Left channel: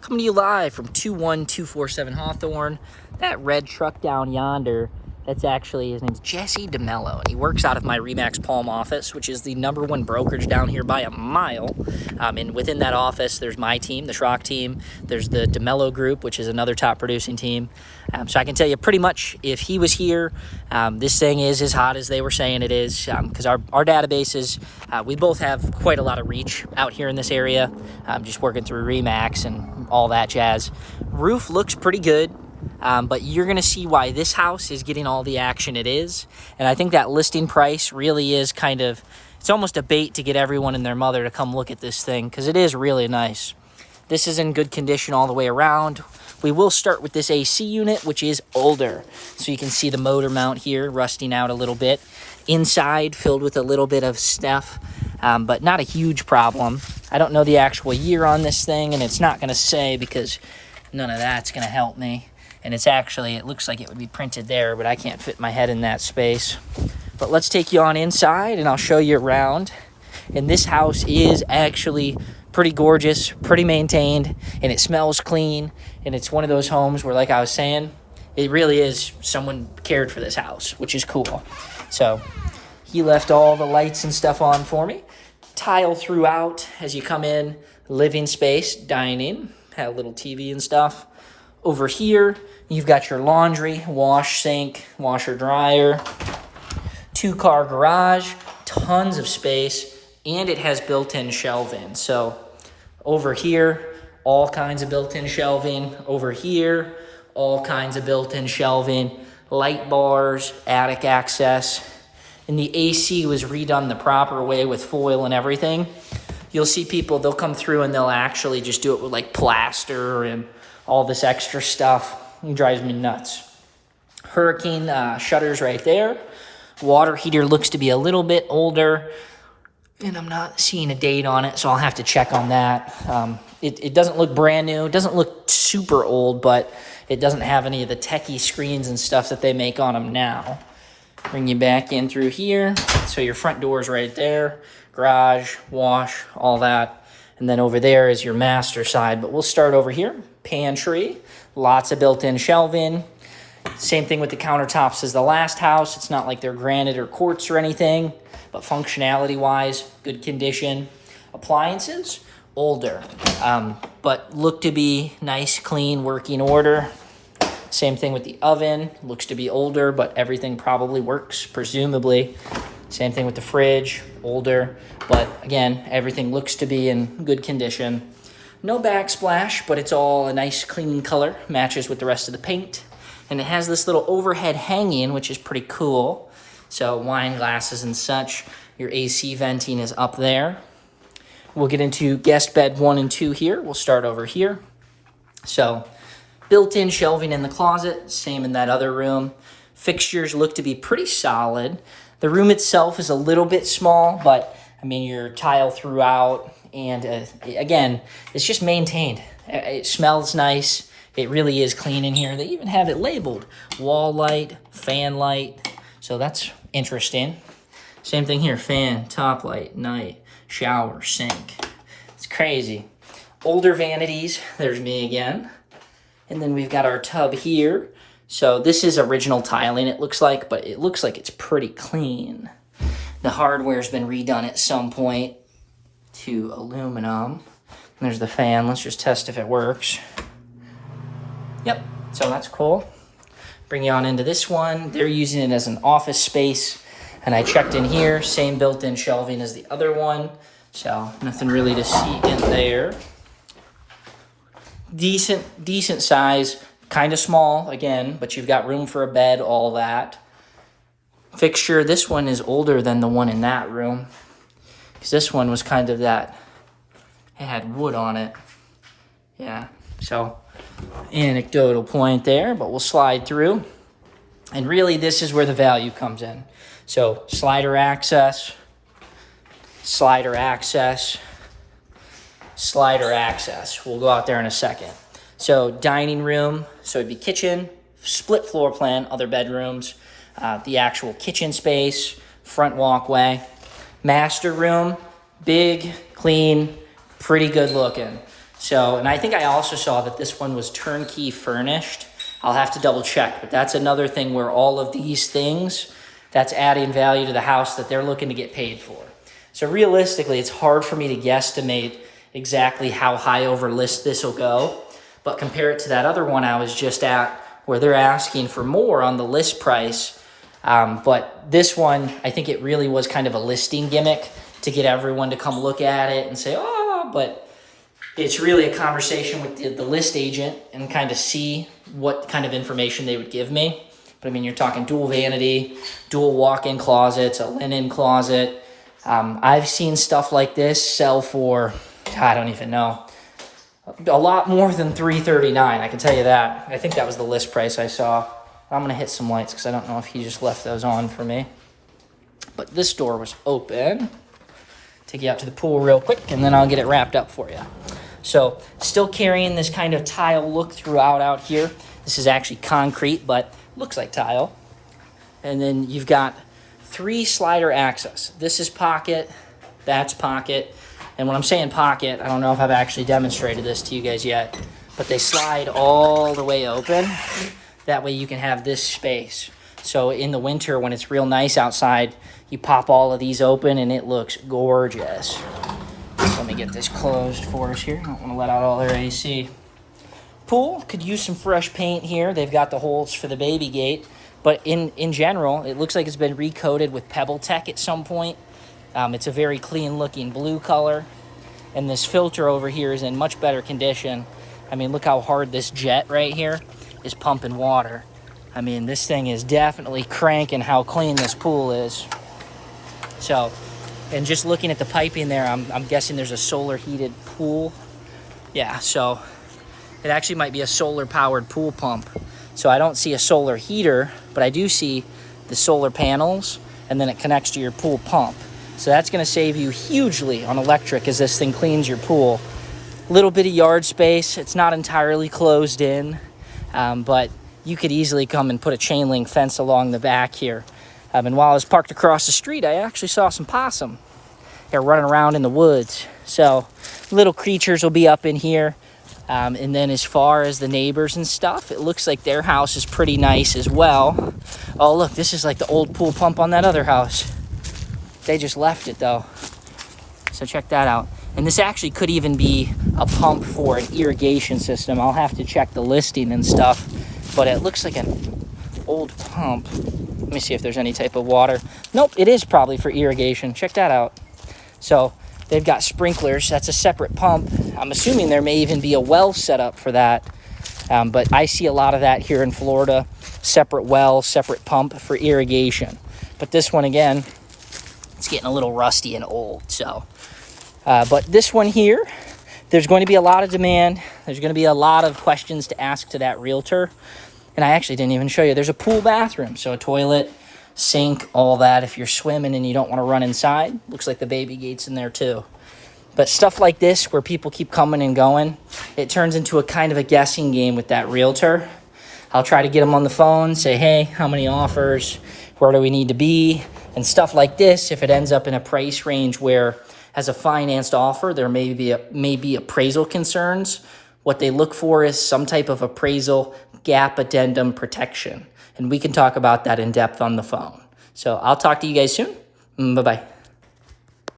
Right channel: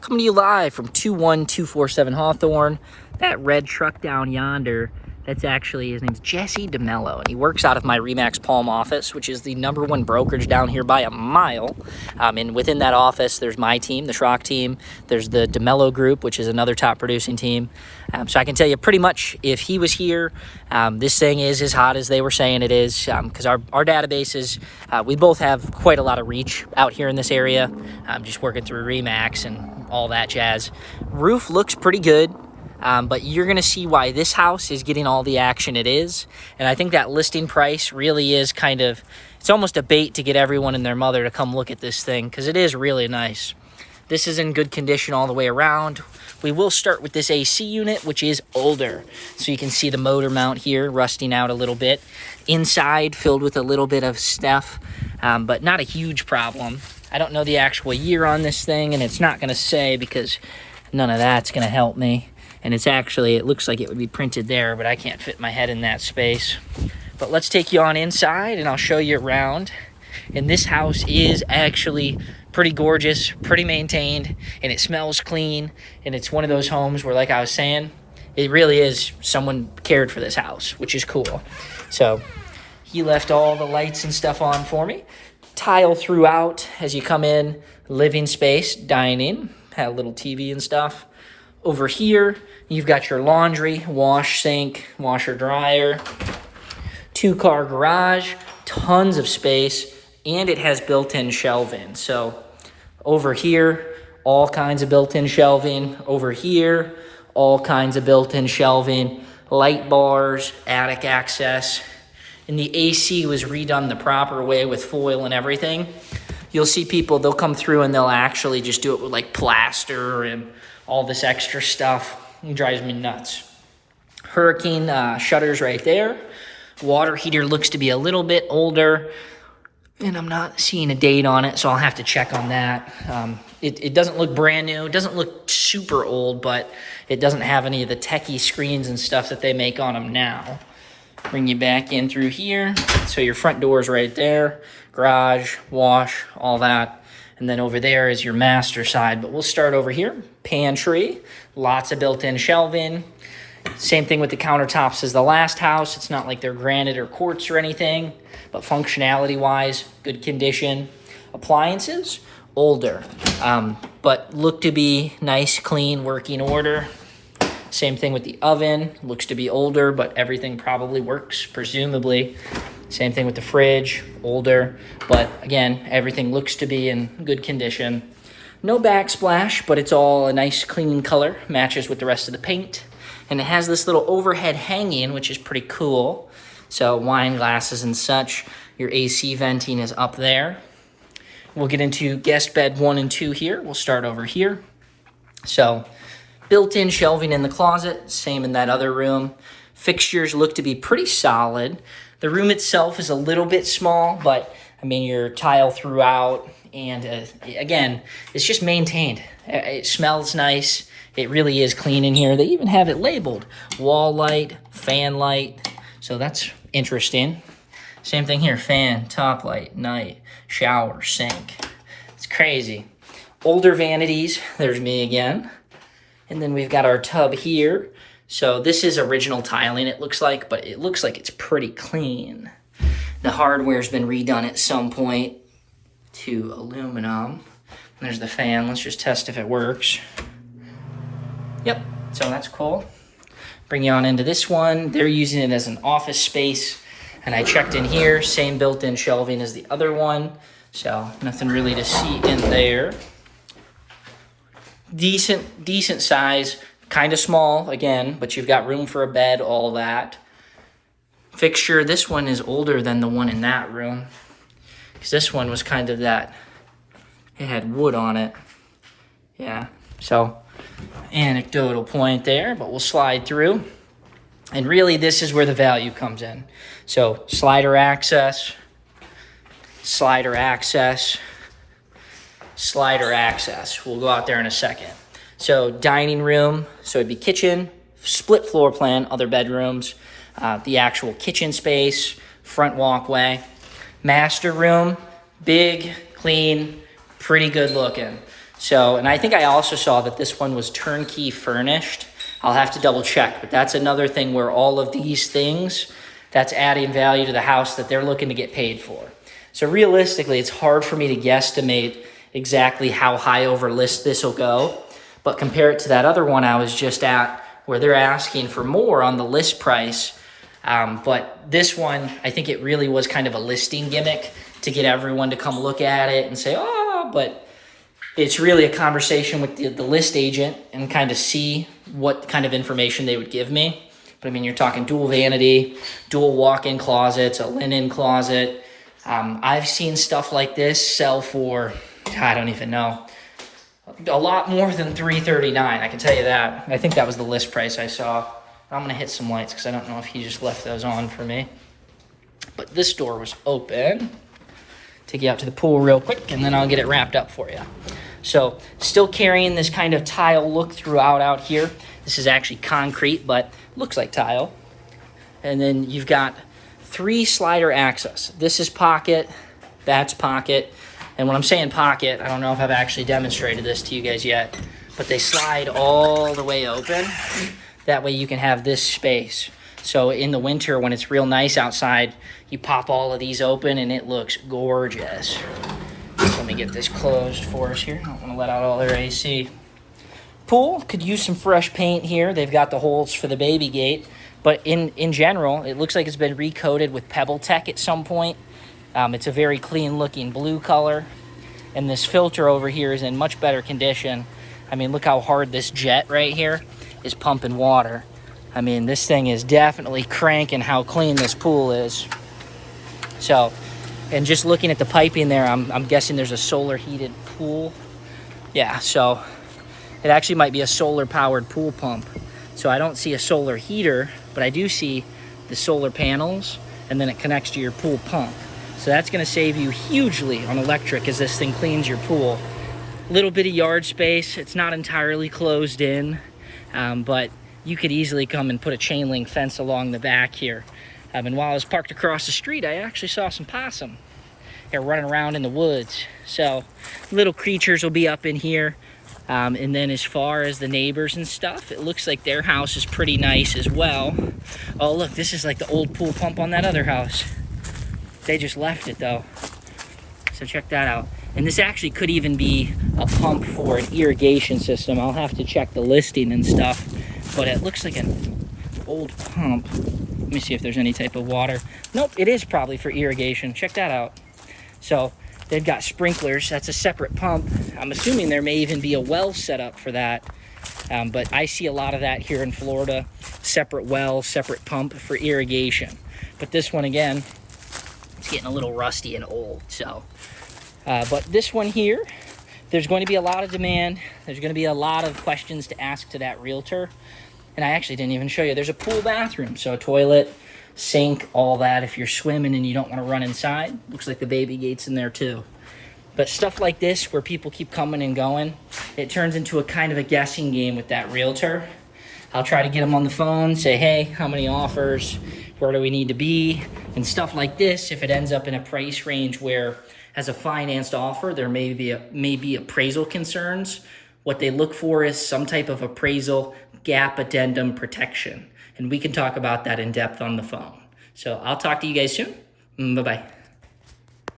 Coming to you live from 21247 Hawthorne. That red truck down yonder, that's actually, his name's Jesse DeMello, and he works out of my Remax Palm office, which is the #1 brokerage down here by a mile. And within that office, there's my team, the Schrock team. There's the DeMello group, which is another top producing team. So I can tell you pretty much if he was here, this thing is as hot as they were saying it is, because our database is, we both have quite a lot of reach out here in this area, just working through Remax and all that jazz. Roof looks pretty good, but you're going to see why this house is getting all the action it is. And I think that listing price really is kind of, it's almost a bait to get everyone and their mother to come look at this thing, because it is really nice. This is in good condition all the way around. We will start with this AC unit, which is older. So you can see the motor mount here rusting out a little bit. Inside filled with a little bit of stuff, but not a huge problem. I don't know the actual year on this thing, and it's not going to say because none of that's going to help me. And it's actually, it looks like it would be printed there, but I can't fit my head in that space. But let's take you on inside, and I'll show you around. And this house is actually pretty gorgeous, pretty maintained, and it smells clean. And it's one of those homes where, like I was saying, it really is someone cared for this house, which is cool. So he left all the lights and stuff on for me. Tile throughout as you come in, living space, dining, had a little TV and stuff. Over here, you've got your laundry, wash, sink, washer, dryer, 2-car garage, tons of space, and it has built-in shelving. So over here, all kinds of built-in shelving. Over here, all kinds of built-in shelving, light bars, attic access. And the AC was redone the proper way with foil and everything. You'll see people, they'll come through and they'll actually just do it with like plaster and all this extra stuff. It drives me nuts. Hurricane shutters right there. Water heater looks to be a little bit older, and I'm not seeing a date on it, so I'll have to check on that. It doesn't look brand new. It doesn't look super old, but it doesn't have any of the techie screens and stuff that they make on them now. Bring you back in through here. So your front door is right there. Garage, wash, all that. And then over there is your master side. But we'll start over here. Pantry, lots of built-in shelving. Same thing with the countertops as the last house. It's not like they're granite or quartz or anything, but functionality-wise, good condition. Appliances, older, but look to be nice, clean, working order. Same thing with the oven. Looks to be older, but everything probably works, presumably. Same thing with the fridge, older, but again, everything looks to be in good condition. No backsplash, but it's all a nice clean color, matches with the rest of the paint. And it has this little overhead hanging, which is pretty cool. So wine glasses and such. Your AC venting is up there. We'll get into guest bed 1 and 2 here. We'll start over here. So built-in shelving in the closet, same in that other room. Fixtures look to be pretty solid. The room itself is a little bit small, but I mean, your tile throughout, and again, it's just maintained. It smells nice. It really is clean in here. They even have it labeled wall light, fan light. So that's interesting. Same thing here, fan, top light, night, shower, sink. It's crazy. Older vanities, there's me again. And then we've got our tub here. So this is original tiling, it looks like, but it looks like it's pretty clean. The hardware's been redone at some point to aluminum. There's the fan. Let's just test if it works. Yep, so that's cool. Bring you on into this one. They're using it as an office space, and I checked in here, same built-in shelving as the other one, so nothing really to see in there. Decent size, kind of small again, but you've got room for a bed, all that. Fixture, this one is older than the one in that room, because this one was kind of that, it had wood on it. Yeah, so anecdotal point there, but we'll slide through. And really, this is where the value comes in. So slider access, slider access, slider access. We'll go out there in a second. So dining room, so it'd be kitchen, split floor plan, other bedrooms, the actual kitchen space, front walkway. Master room, big, clean, pretty good looking. So, and I think I also saw that this one was turnkey furnished. I'll have to double check, but that's another thing where all of these things, that's adding value to the house that they're looking to get paid for. So realistically, it's hard for me to guesstimate exactly how high over list this will go, but compare it to that other one I was just at where they're asking for more on the list price. But this one, I think it really was kind of a listing gimmick to get everyone to come look at it and say, oh, but it's really a conversation with the list agent and kind of see what kind of information they would give me. But I mean, you're talking dual vanity, dual walk-in closets, a linen closet. I've seen stuff like this sell for, I don't even know, a lot more than $339. I can tell you that. I think that was the list price I saw. I'm gonna hit some lights because I don't know if he just left those on for me. But this door was open. Take you out to the pool real quick and then I'll get it wrapped up for you. So still carrying this kind of tile look throughout out here. This is actually concrete, but looks like tile. And then you've got 3 slider access. This is pocket, that's pocket. And when I'm saying pocket, I don't know if I've actually demonstrated this to you guys yet, but they slide all the way open. That way you can have this space. So in the winter when it's real nice outside, you pop all of these open and it looks gorgeous. Let me get this closed for us here. I don't want to let out all their AC. Pool could use some fresh paint here. They've got the holes for the baby gate. But in general, it looks like it's been recoated with Pebble Tech at some point. It's a very clean looking blue color. And this filter over here is in much better condition. I mean, look how hard this jet right here is pumping water. I mean, this thing is definitely cranking how clean this pool is. So, and just looking at the piping there, I'm guessing there's a solar heated pool. Yeah, so it actually might be a solar powered pool pump. So I don't see a solar heater, but I do see the solar panels, and then it connects to your pool pump. So that's gonna save you hugely on electric as this thing cleans your pool. Little bit of yard space. It's not entirely closed in, but you could easily come and put a chain link fence along the back here. And while I was parked across the street, I actually saw some possum. They're running around in the woods. So little creatures will be up in here. And then as far as the neighbors and stuff, it looks like their house is pretty nice as well. Oh, look, this is like the old pool pump on that other house. They just left it though. So check that out. And this actually could even be a pump for an irrigation system. I'll have to check the listing and stuff, but it looks like an old pump. Let me see if there's any type of water. Nope, it is probably for irrigation. Check that out. So they've got sprinklers. That's a separate pump. I'm assuming there may even be a well set up for that. But I see a lot of that here in Florida. Separate well, separate pump for irrigation. But this one, again, it's getting a little rusty and old. So, but this one here, there's going to be a lot of demand. There's going to be a lot of questions to ask to that realtor. And I actually didn't even show you. There's a pool bathroom. So a toilet, sink, all that. If you're swimming and you don't want to run inside, looks like the baby gate's in there too. But stuff like this where people keep coming and going, it turns into a kind of a guessing game with that realtor. I'll try to get them on the phone, say, hey, how many offers? Where do we need to be? And stuff like this, if it ends up in a price range where as a financed offer, there may be appraisal concerns. What they look for is some type of appraisal gap addendum protection. And we can talk about that in depth on the phone. So I'll talk to you guys soon. Bye-bye.